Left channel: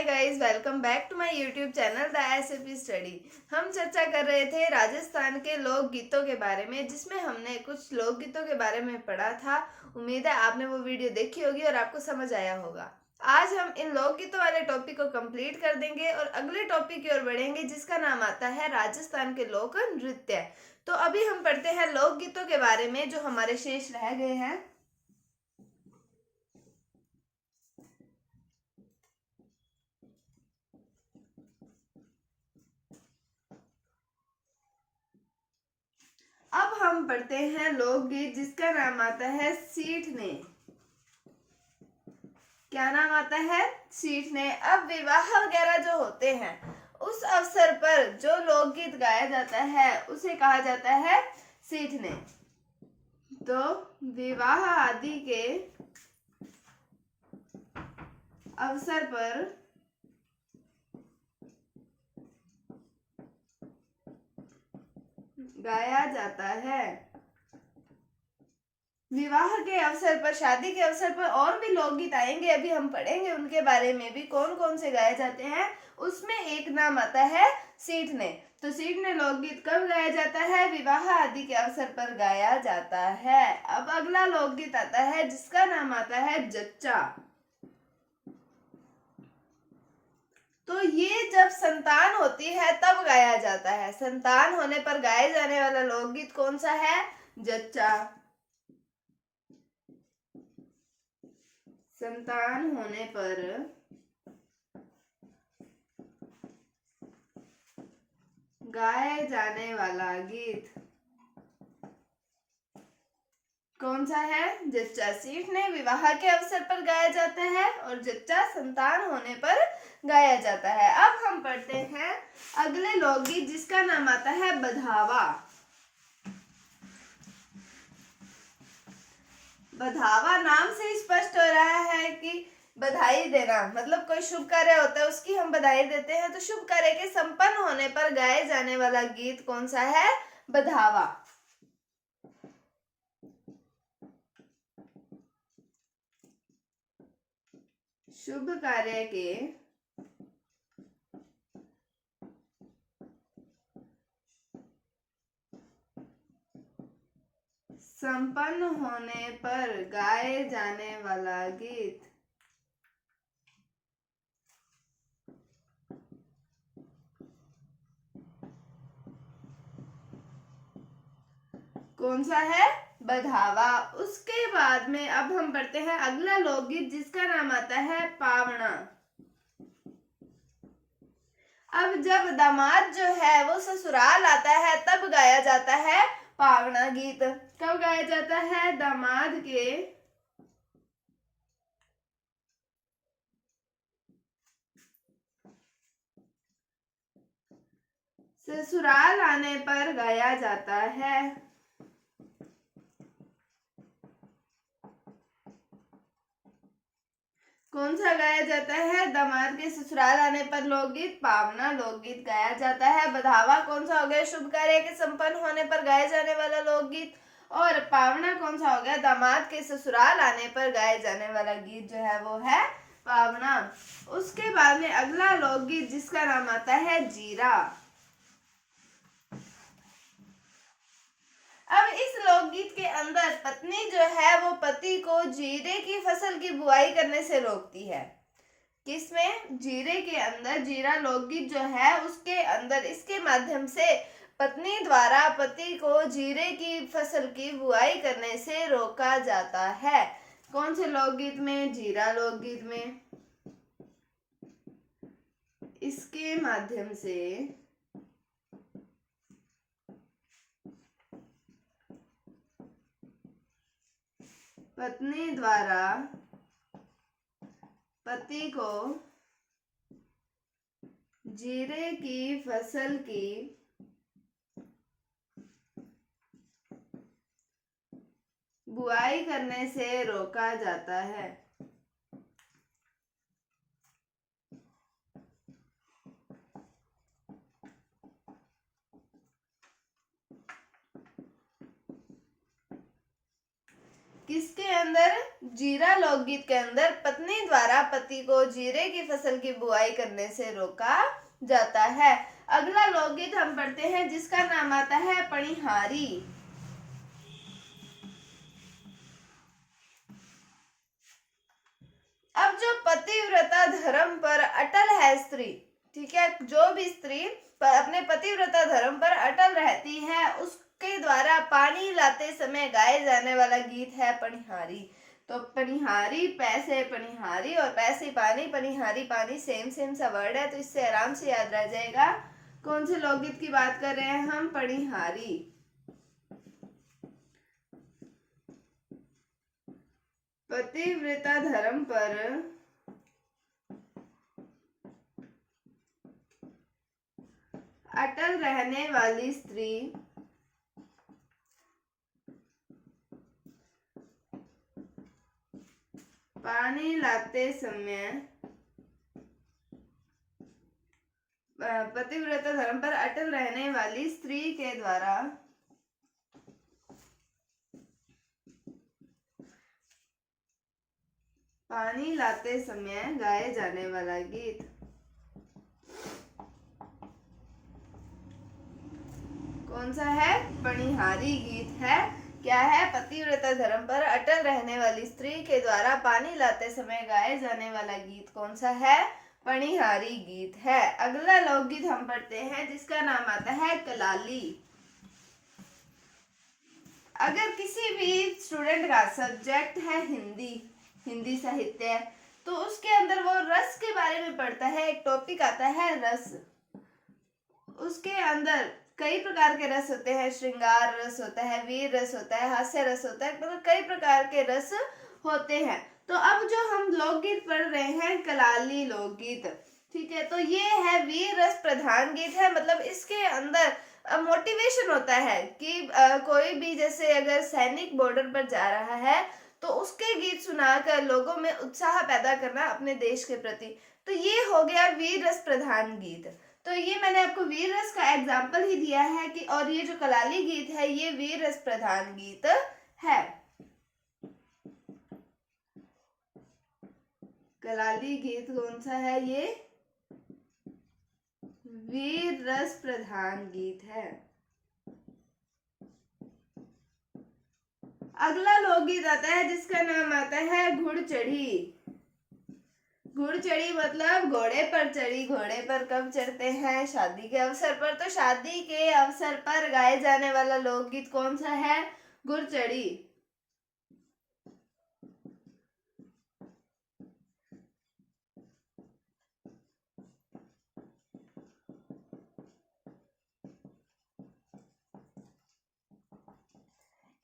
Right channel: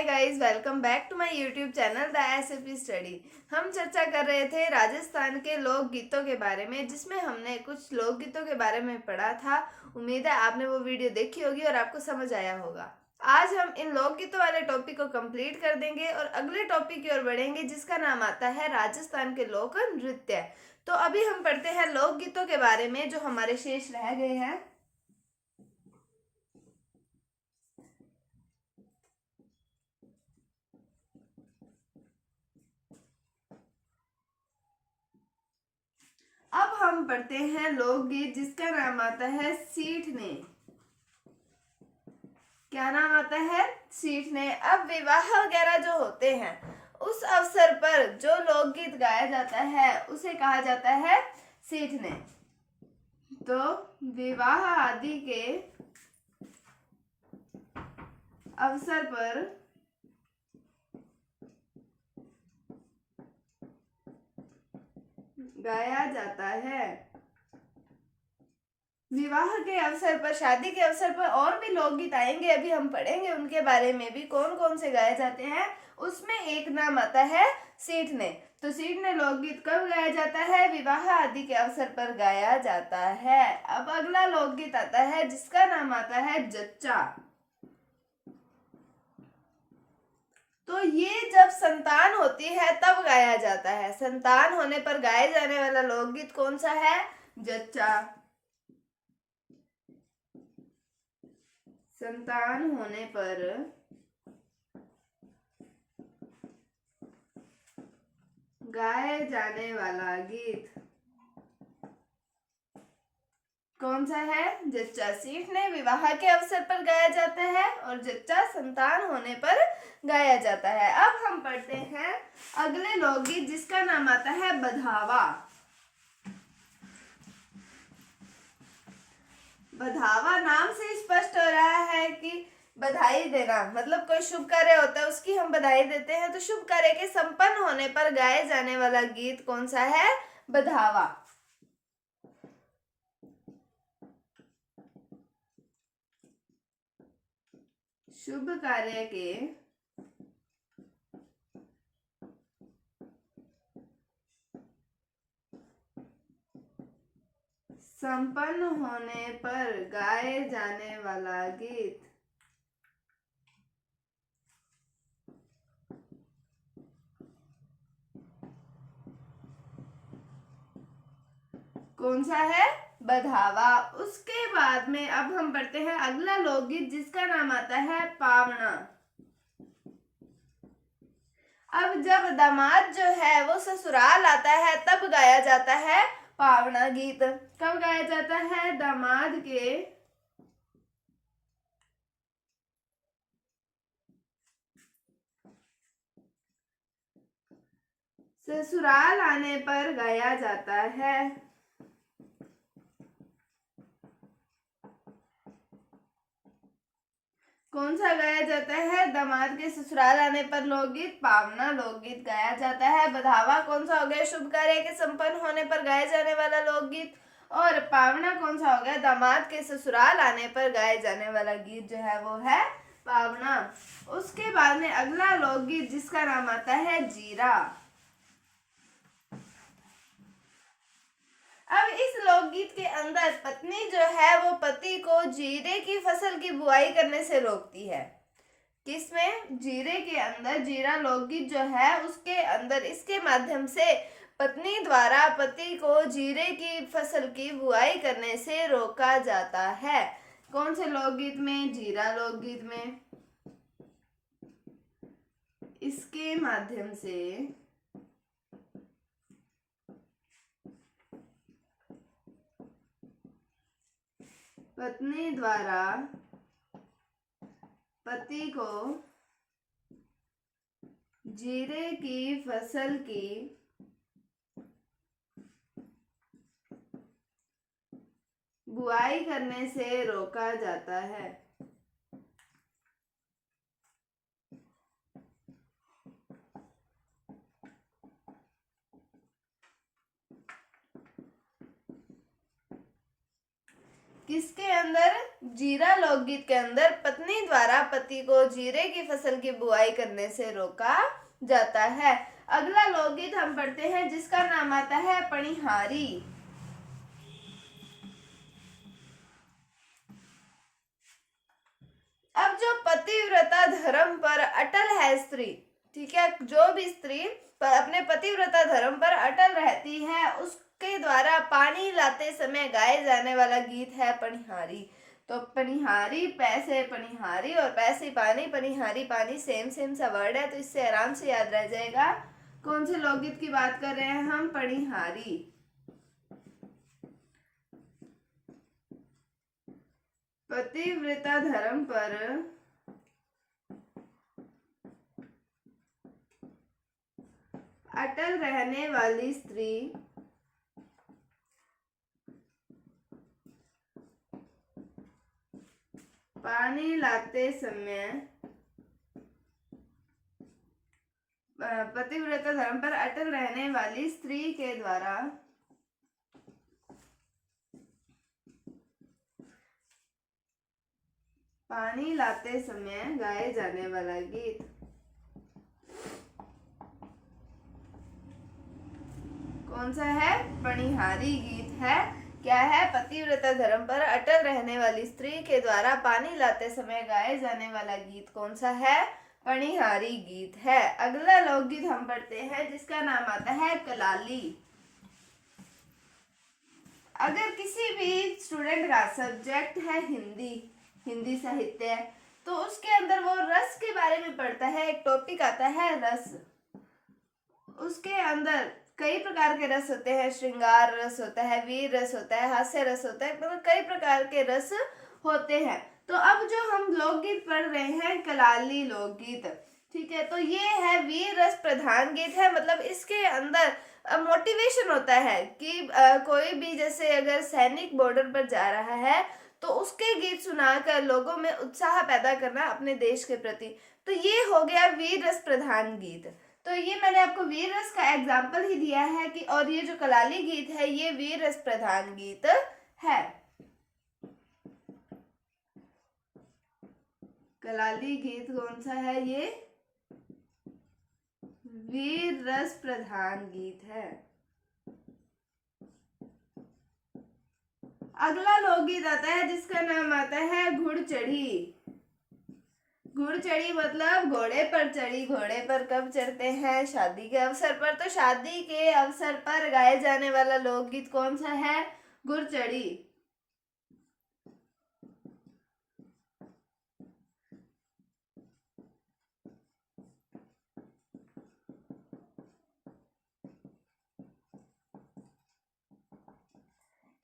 Hi guys, welcome back to my YouTube channel the SAP study. हम चर्चा कर रहे थे राजस्थान के लोकगीतों के बारे में, जिसमें हमने कुछ लोकगीतों के बारे में पढ़ा था। उम्मीद है आपने वो वीडियो देखी होगी और आपको समझ आया होगा। आज हम इन लोकगीतों वाले टॉपिक को कंप्लीट कर देंगे और अगले टॉपिक की ओर बढ़ेंगे, जिसका नाम आता है राजस्थान के लोक नृत्य। तो अभी हम पढ़ते हैं लोकगीतों के बारे में जो हमारे शेष रह गए हैं। अब हम पढ़ते हैं लोकगीत जिसका नाम आता है सीठने। क्या नाम आता है? सीठने। अब विवाह वगैरह जो होते हैं उस अवसर पर जो लोकगीत गाया जाता है उसे कहा जाता है सीठने। तो विवाह आदि के अवसर पर गाया जाता है। विवाह के अवसर पर, शादी के अवसर पर और भी लोकगीत आएंगे, अभी हम पढ़ेंगे उनके बारे में भी, कौन कौन से गाए जाते हैं। उसमें एक नाम आता है सीठने। तो सीठने लोकगीत कब गाया जाता है? विवाह आदि के अवसर पर गाया जाता है। अब अगला लोकगीत आता है जिसका नाम आता है जच्चा। तो ये जब संतान होती है तब गाया जाता है। संतान होने पर गाए जाने वाला लोकगीत कौन सा है? जच्चा। संतान होने पर गाए जाने वाला गीत कौन सा है? जच्चा। सीठने विवाह के अवसर पर गाया जाता है और जच्चा संतान होने पर गाया जाता है। अब हम पढ़ते हैं अगले लोकगीत जिसका नाम आता है बधावा। बधावा नाम से स्पष्ट हो रहा है कि बधाई देना, मतलब कोई शुभ कार्य होता है उसकी हम बधाई देते हैं। तो शुभ कार्य के संपन्न होने पर गाए जाने वाला गीत कौन सा है? बधावा। शुभ कार्य के संपन्न होने पर गाए जाने वाला गीत कौन सा है? बधावा। उसके बाद में अब हम पढ़ते हैं अगला लोकगीत जिसका नाम आता है पावना। अब जब दामाद जो है वो ससुराल आता है तब गाया जाता है पावना गीत। कब गाया जाता है? दामाद के ससुराल आने पर गाया जाता है। कौन सा गाया जाता है? दामाद के ससुराल आने पर लोकगीत पावना लोकगीत गाया जाता है। बधावा कौन सा हो गया? शुभ कार्य के संपन्न होने पर गाए जाने वाला लोकगीत। और पावना कौन सा हो गया? दामाद के ससुराल आने पर गाए जाने वाला गीत जो है वो है पावना। उसके बाद में अगला लोकगीत जिसका नाम आता है जीरा। अब इस लोकगीत के अंदर पत्नी जो है वो पति को जीरे की फसल की बुआई करने से रोकती है। किसमें? जीरे के अंदर। जीरा लोकगीत जो है उसके अंदर इसके माध्यम से पत्नी द्वारा पति को जीरे की फसल की बुआई करने से रोका जाता है। कौन से लोकगीत में? जीरा लोकगीत में। इसके माध्यम से पत्नी द्वारा पति को जीरे की फसल की बुआई करने से रोका जाता है। किसके अंदर? जीरा लोकगीत के अंदर पत्नी द्वारा पति को जीरे की फसल की बुआई करने से रोका जाता है। अगला लोकगीत हम पढ़ते हैं जिसका नाम आता है पणिहारी। अब जो पतिव्रता धर्म पर अटल है स्त्री, ठीक है, जो भी स्त्री अपने पतिव्रता धर्म पर अटल रहती है उसके द्वारा पानी लाते समय गाए जाने वाला गीत है पणिहारी। तो पणिहारी पैसे पणिहारी और पैसे पानी, पणिहारी पानी सेम सा वर्ड है, तो इससे आराम से याद रह जाएगा कौन से लोकगीत की बात कर रहे हैं हम, पणिहारी। पतिव्रता धर्म पर अटल रहने वाली स्त्री पानी लाते समय पतिव्रता धर्म पर अटल रहने वाली स्त्री के द्वारा पानी लाते समय गाए जाने वाला गीत। कौन सा है? पणिहारी गीत है। क्या है? पतिव्रता धर्म पर अटल रहने वाली स्त्री के द्वारा पानी लाते समय गाए जाने वाला गीत कौन सा है? पणिहारी गीत है। अगला लोकगीत हम पढ़ते हैं जिसका नाम आता है कलाली। अगर किसी भी स्टूडेंट का सब्जेक्ट है हिंदी साहित्य, तो उसके अंदर वो रस के बारे में पढ़ता है, एक टॉपिक आता है रस। उसके अंदर कई प्रकार के रस होते हैं, श्रृंगार रस होता है, वीर रस होता है, हास्य रस होता है, मतलब कई प्रकार के रस होते हैं। तो अब जो हम लोकगीत पढ़ रहे हैं कलाली लोकगीत, ठीक है, तो ये है वीर रस प्रधान गीत है। मतलब इसके अंदर मोटिवेशन होता है कि कोई भी जैसे अगर सैनिक बॉर्डर पर जा रहा है तो उसके गीत सुनाकर लोगों में उत्साह पैदा करना अपने देश के प्रति। तो ये हो गया वीर रस प्रधान गीत। तो ये मैंने आपको वीर रस का एग्जाम्पल ही दिया है कि, और ये जो कलाली गीत है ये वीर रस प्रधान गीत है। कलाली गीत कौन सा है? ये वीर रस प्रधान गीत है। अगला लोकगीत आता है जिसका नाम आता है घुड़चढ़ी। घुड़चढ़ी मतलब घोड़े पर चढ़ी। घोड़े पर कब चढ़ते हैं? शादी के अवसर पर। तो शादी के अवसर पर गाए जाने वाला लोकगीत कौन सा है? घुड़चढ़ी।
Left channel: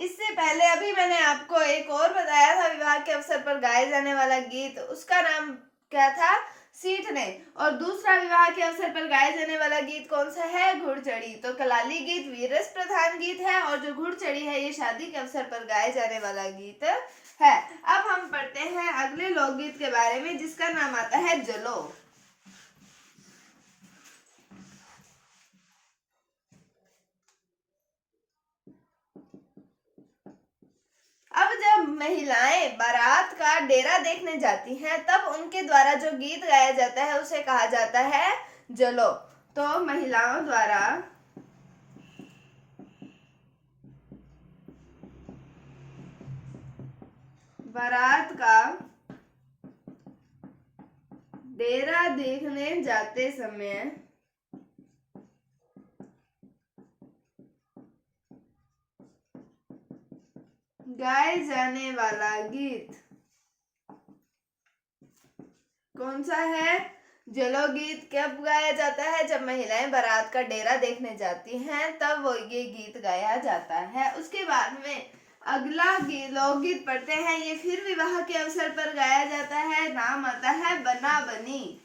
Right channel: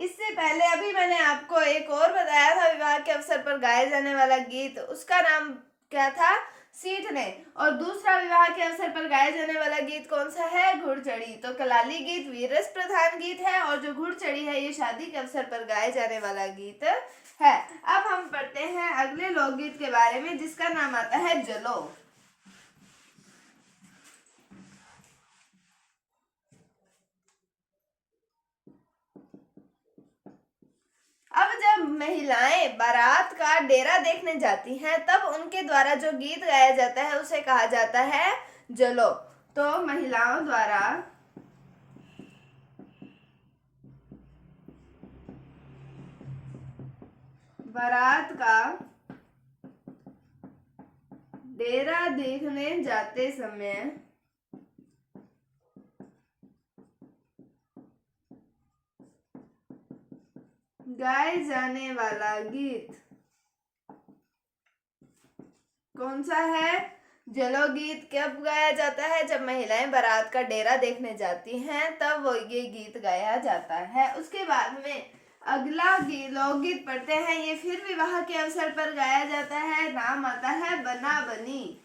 इससे पहले अभी मैंने आपको एक और बताया था विवाह के अवसर पर गाए जाने वाला गीत, उसका नाम क्या था? सीठने। और दूसरा विवाह के अवसर पर गाए जाने वाला गीत कौन सा है? घुड़चढ़ी। तो कलाली गीत वीररस प्रधान गीत है और जो घुड़चढ़ी है ये शादी के अवसर पर गाए जाने वाला गीत है। अब हम पढ़ते हैं अगले लोकगीत के बारे में जिसका नाम आता है जलो। अब जब महिलाएं बारात का डेरा देखने जाती हैं तब उनके द्वारा जो गीत गाया जाता है उसे कहा जाता है जलो। तो महिलाओं द्वारा बारात का डेरा देखने जाते समय गाए जाने वाला गीत कौन सा है? जलो गीत। कब गाया जाता है? जब महिलाएं बारात का डेरा देखने जाती हैं तब वो ये गीत गाया जाता है। उसके बाद में अगला लोकगीत पढ़ते हैं, ये फिर विवाह के अवसर पर गाया जाता है, नाम आता है बना बनी।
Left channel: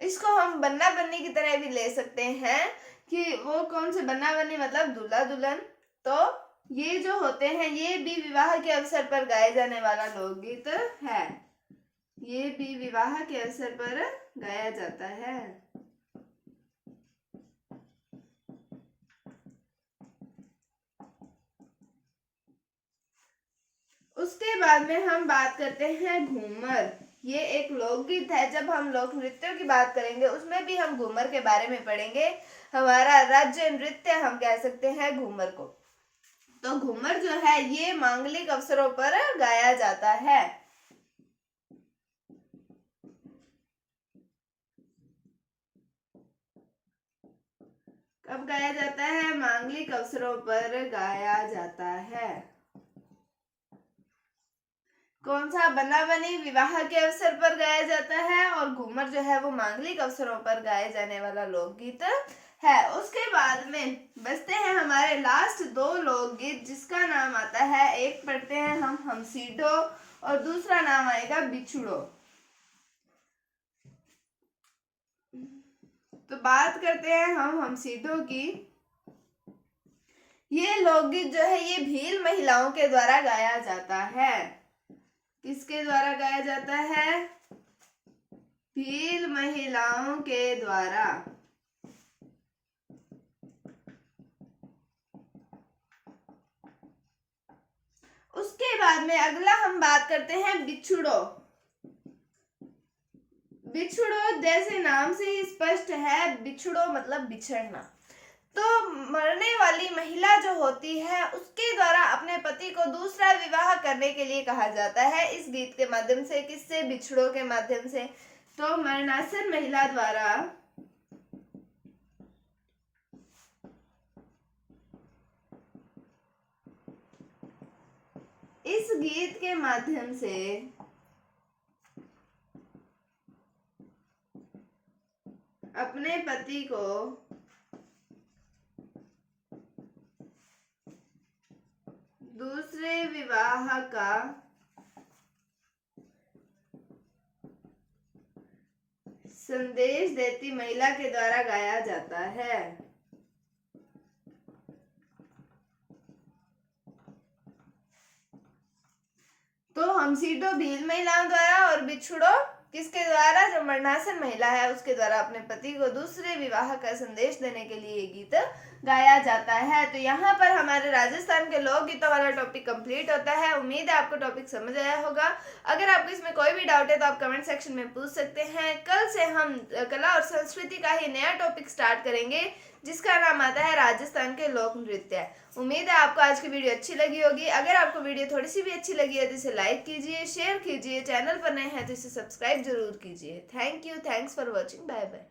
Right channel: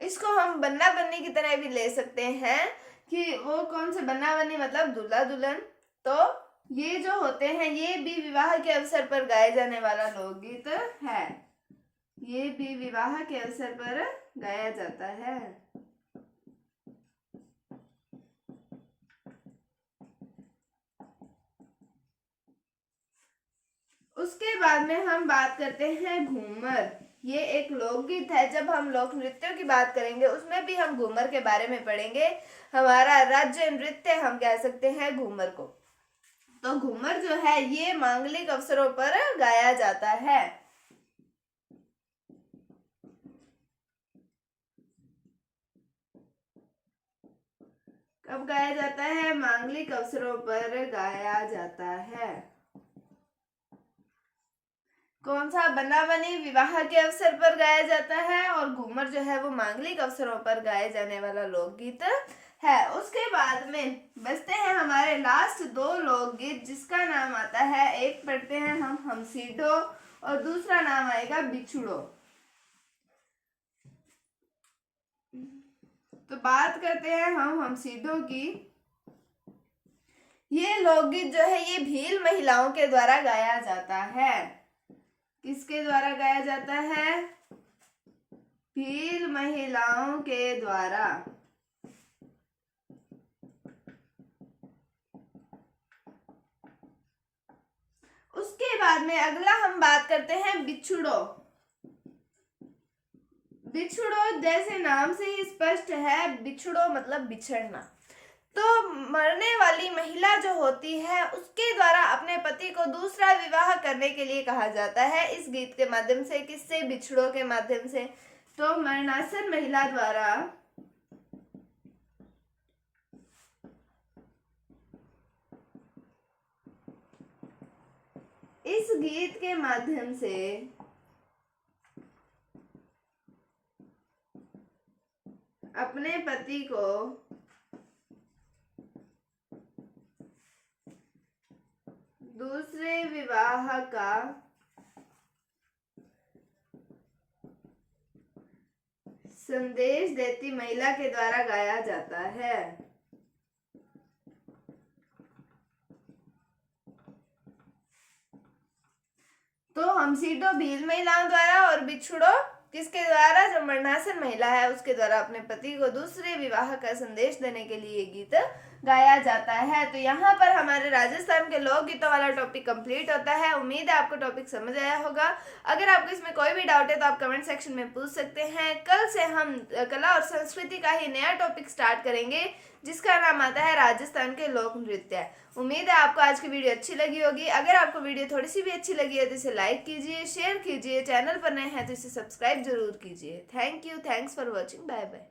इसको हम बन्ना बन्नी की तरह भी ले सकते हैं कि वो कौन से बन्ना बन्नी मतलब दूल्हा दुल्हन। तो ये जो होते हैं ये भी विवाह के अवसर पर गाए जाने वाला लोकगीत है। ये भी विवाह के अवसर पर गाया जाता है। उसके बाद में हम बात करते हैं घूमर। ये एक लोकगीत है। जब हम लोक नृत्यों की बात करेंगे उसमें भी हम घूमर के बारे में पढ़ेंगे। हमारा राज्य नृत्य हम कह सकते हैं घूमर को। तो घूमर जो है ये मांगलिक अवसरों पर गाया जाता है। कब गाया जाता है? मांगलिक अवसरों पर गाया जाता है। कौन सा? बना बनी विवाह के अवसर पर गाया जाता है, और घूमर जो है वो मांगलिक अवसरों पर गाए जाने वाला लोकगीत है। उसके बाद में बचते हैं हमारे लास्ट दो लोकगीत, जिसका नाम आता है, एक पढ़ते हैं हम हमसीडो और दूसरा नाम आएगा बिछुड़ो। तो बात करते हैं हम हमसीडो की। ये लोकगीत जो है ये भील महिलाओं के द्वारा गाया जाता है। किसके द्वारा गाया जाता है? भील महिलाओं के द्वारा। उसके बाद में अगला हम बात करते हैं बिछुड़ो। बिछुड़ो जैसे नाम से ही स्पष्ट है, बिछुड़ो मतलब बिछड़ना। तो मरने वाली महिला जो होती है उसके द्वारा अपने पति को दूसरा विवाह करने के लिए कहा जाता है इस गीत के माध्यम से। किससे? बिछड़ों के माध्यम से। तो मरणासर महिला द्वारा इस गीत के माध्यम से अपने पति को दूसरे विवाह का संदेश देती महिला के द्वारा गाया जाता है। तो हमसीडो भील महिलाओं द्वारा और बिछुड़ो किसके द्वारा? जो मरणासन महिला है उसके द्वारा अपने पति को दूसरे विवाह का संदेश देने के लिए गीत गाया जाता है। तो यहाँ पर हमारे राजस्थान के लोक गीतों वाला टॉपिक कंप्लीट होता है। उम्मीद है आपको टॉपिक समझ आया होगा। अगर आपको इसमें कोई भी डाउट है तो आप कमेंट सेक्शन में पूछ सकते हैं। कल से हम कला और संस्कृति का ही नया टॉपिक स्टार्ट करेंगे, जिसका नाम आता है राजस्थान के लोक नृत्य। उम्मीद है आपको आज की वीडियो अच्छी लगी होगी। अगर आपको वीडियो थोड़ी सी भी अच्छी लगी है तो इसे लाइक कीजिए, शेयर कीजिए, चैनल पर नए हैं तो इसे सब्सक्राइब जरूर कीजिए। Thank you, thanks for watching, bye bye.